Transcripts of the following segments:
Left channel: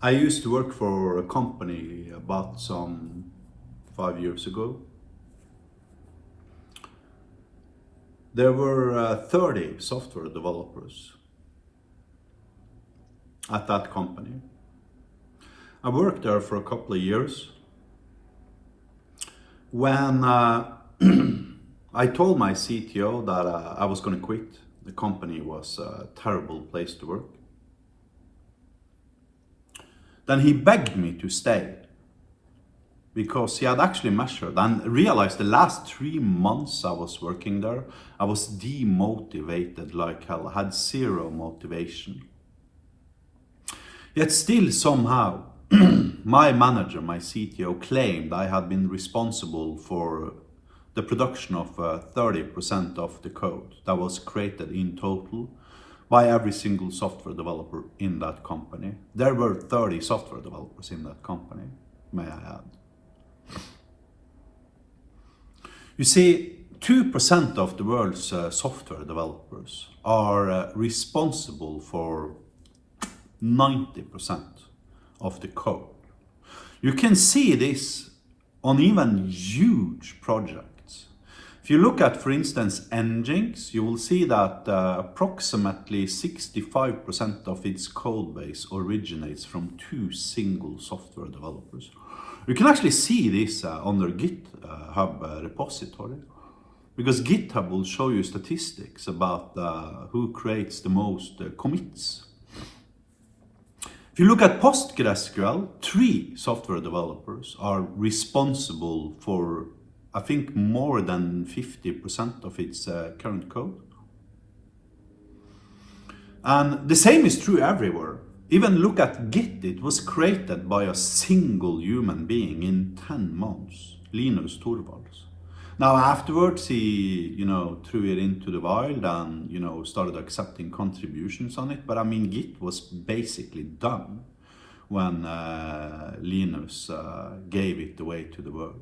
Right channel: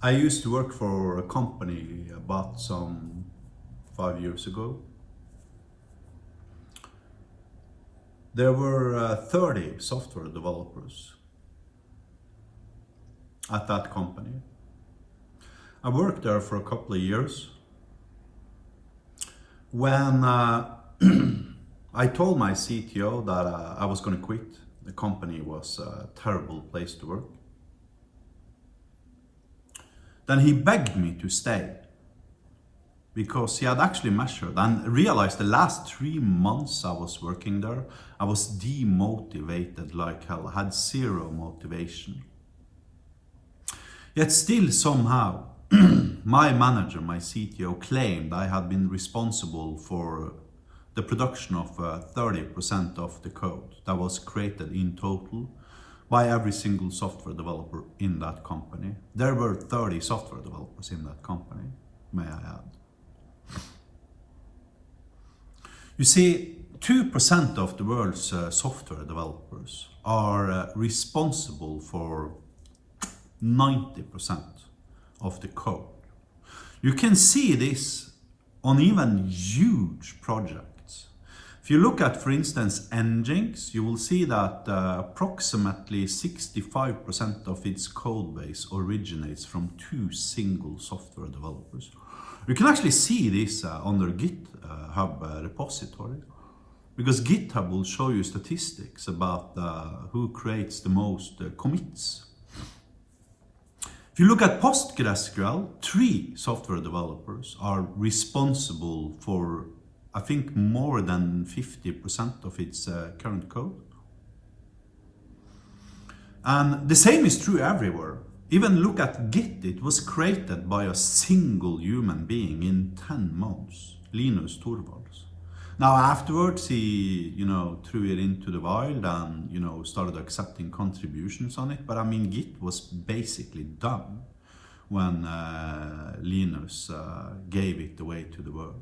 I used to work for a company about some 5 years ago. There were 30 software developers at that company. I worked there for a couple of years. When I told my CTO that I was going to quit, the company was a terrible place to work. Then he begged me to stay because he had actually measured and realized the last 3 months I was working there, I was demotivated like hell. I had zero motivation. Yet still somehow, my manager, my CTO, claimed I had been responsible for the production of 30% of the code that was created in total by every single software developer in that company. There were 30 software developers in that company, may I add. You see, 2% of the world's software developers are responsible for 90% of the code. You can see this on even huge projects. If you look at, for instance, nGinx, you will see that approximately 65% of its code base originates from 2 single software developers. You can actually see this on their GitHub repository, because GitHub will show you statistics about who creates the most commits. If you look at PostgreSQL, 3 software developers are responsible for, I think, more than 50% of its current code. And the same is true everywhere. Even look at Git, it was created by a single human being in 10 months, Linus Torvalds. Now afterwards he, threw it into the wild and, started accepting contributions on it. But I mean, Git was basically done when Linus gave it away to the world.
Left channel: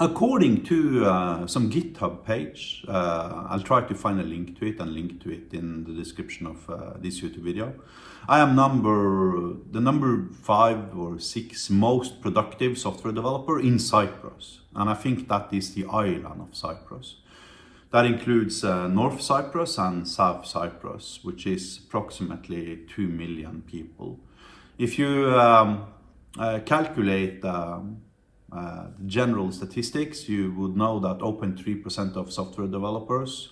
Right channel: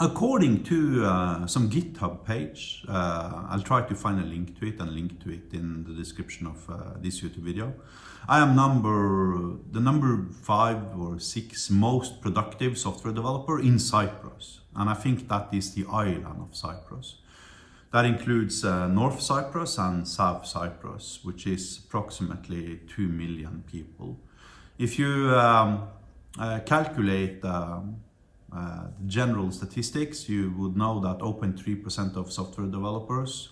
According to some GitHub page, I'll try to find a link to it and link to it in the description of this YouTube video. I am the number 5 or 6 most productive software developer in Cyprus. And I think that is the island of Cyprus. That includes North Cyprus and South Cyprus, which is approximately 2 million people. If you calculate general statistics, you would know that 0.3% of software developers,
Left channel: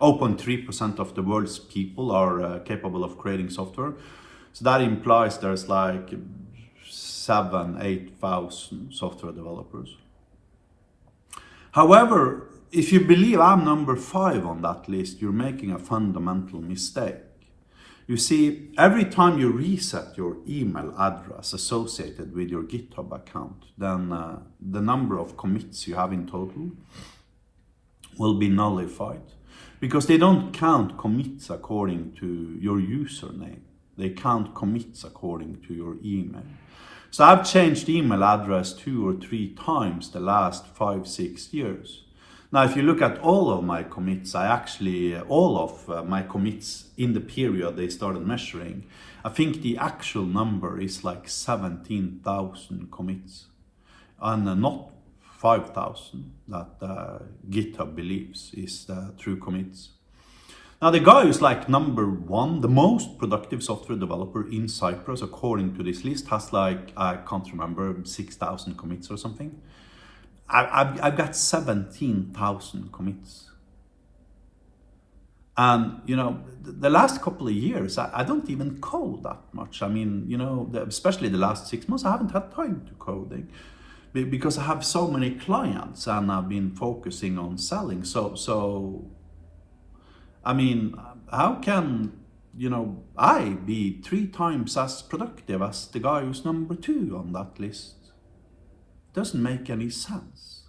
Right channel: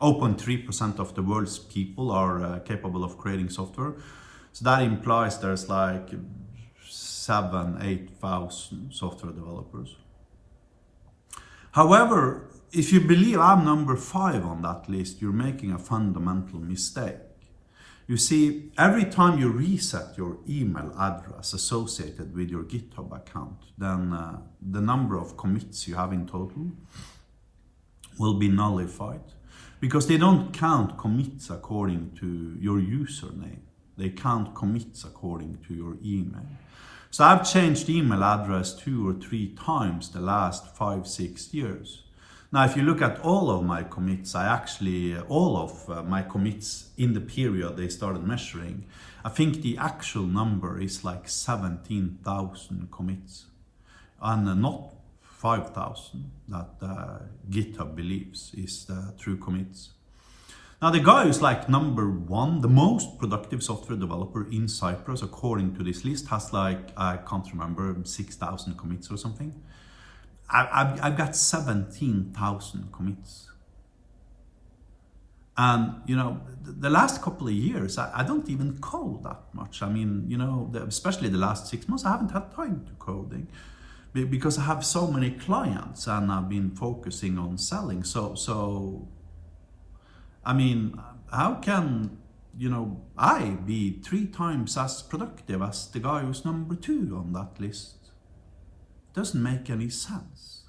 0.3% of the world's people are capable of creating software. So that implies there's like 7,000-8,000 software developers. However, if you believe I'm number 5 on that list, you're making a fundamental mistake. You see, every time you reset your email address associated with your GitHub account, then the number of commits you have in total will be nullified, because they don't count commits according to your username. They count commits according to your email. So I've changed email address 2 or 3 times the last 5-6 years. Now, if you look at all of my commits, all of my commits in the period they started measuring, I think the actual number is like 17,000 commits, and not 5,000 that GitHub believes is the true commits. Now, the guy who's like number 1, the most productive software developer in Cyprus, according to this list, has like, I can't remember, 6,000 commits or something. I've got 17,000 commits. And, the last couple of years, I don't even code that much. I mean, especially the last 6 months, I haven't had time to coding because I have so many clients and I've been focusing on selling. So I mean, how can, I be 3 times as productive as the guy who's number 2 on that list? Doesn't make any sense.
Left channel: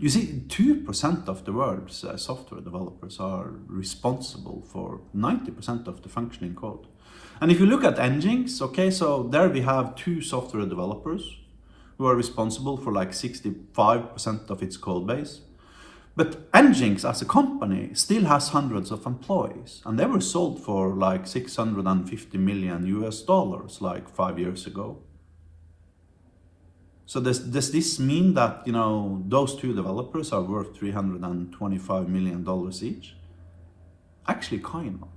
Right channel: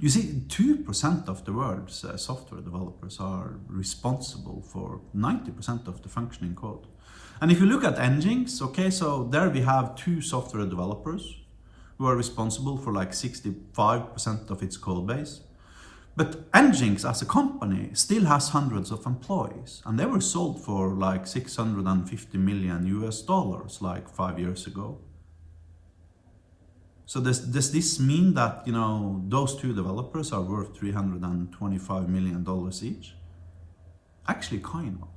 You see, 2% of the world's software developers are responsible for 90% of the functioning code. And if you look at nGinx, okay, so there we have 2 software developers who are responsible for like 65% of its code base. But nGinx as a company still has hundreds of employees, and they were sold for like 650 million US dollars like 5 years ago. So does this mean that, you know, those two developers are worth $325 million each? Actually, kind of.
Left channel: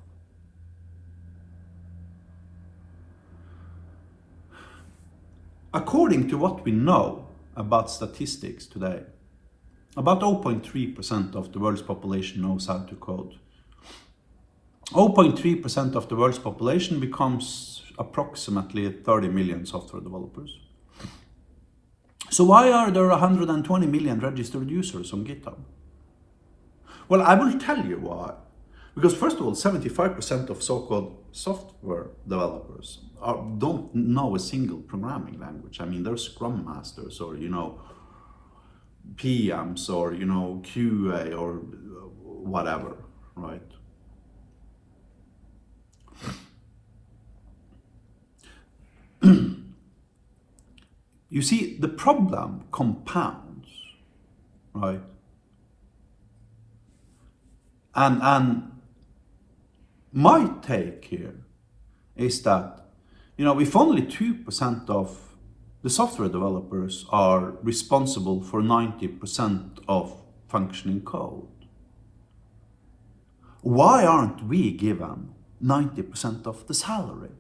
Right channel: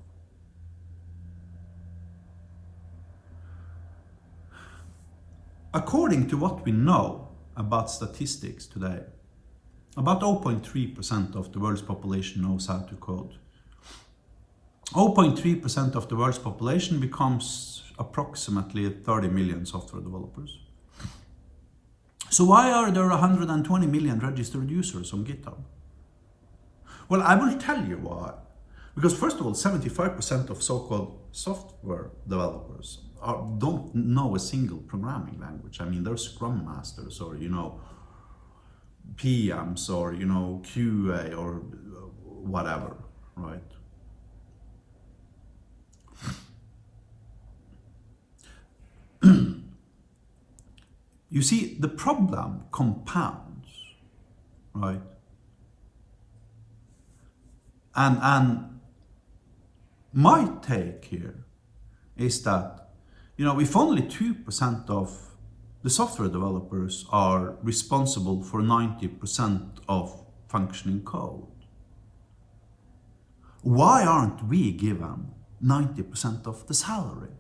According to what we know about statistics today, about 0.3% of the world's population knows how to code. 0.3% of the world's population becomes approximately 30 million software developers. So why are there 120 million registered users on GitHub? Well, I will tell you why. Because first of all, 75% of so-called software developers don't know a single programming language. I mean, they're Scrum Masters or, you know, PMs or, you know, QA or whatever, right? You see, the problem compounds, right? And my take here is that, you know, if only 2% of the software developers are responsible for 90% of functioning code, why aren't we given 90% of the salary?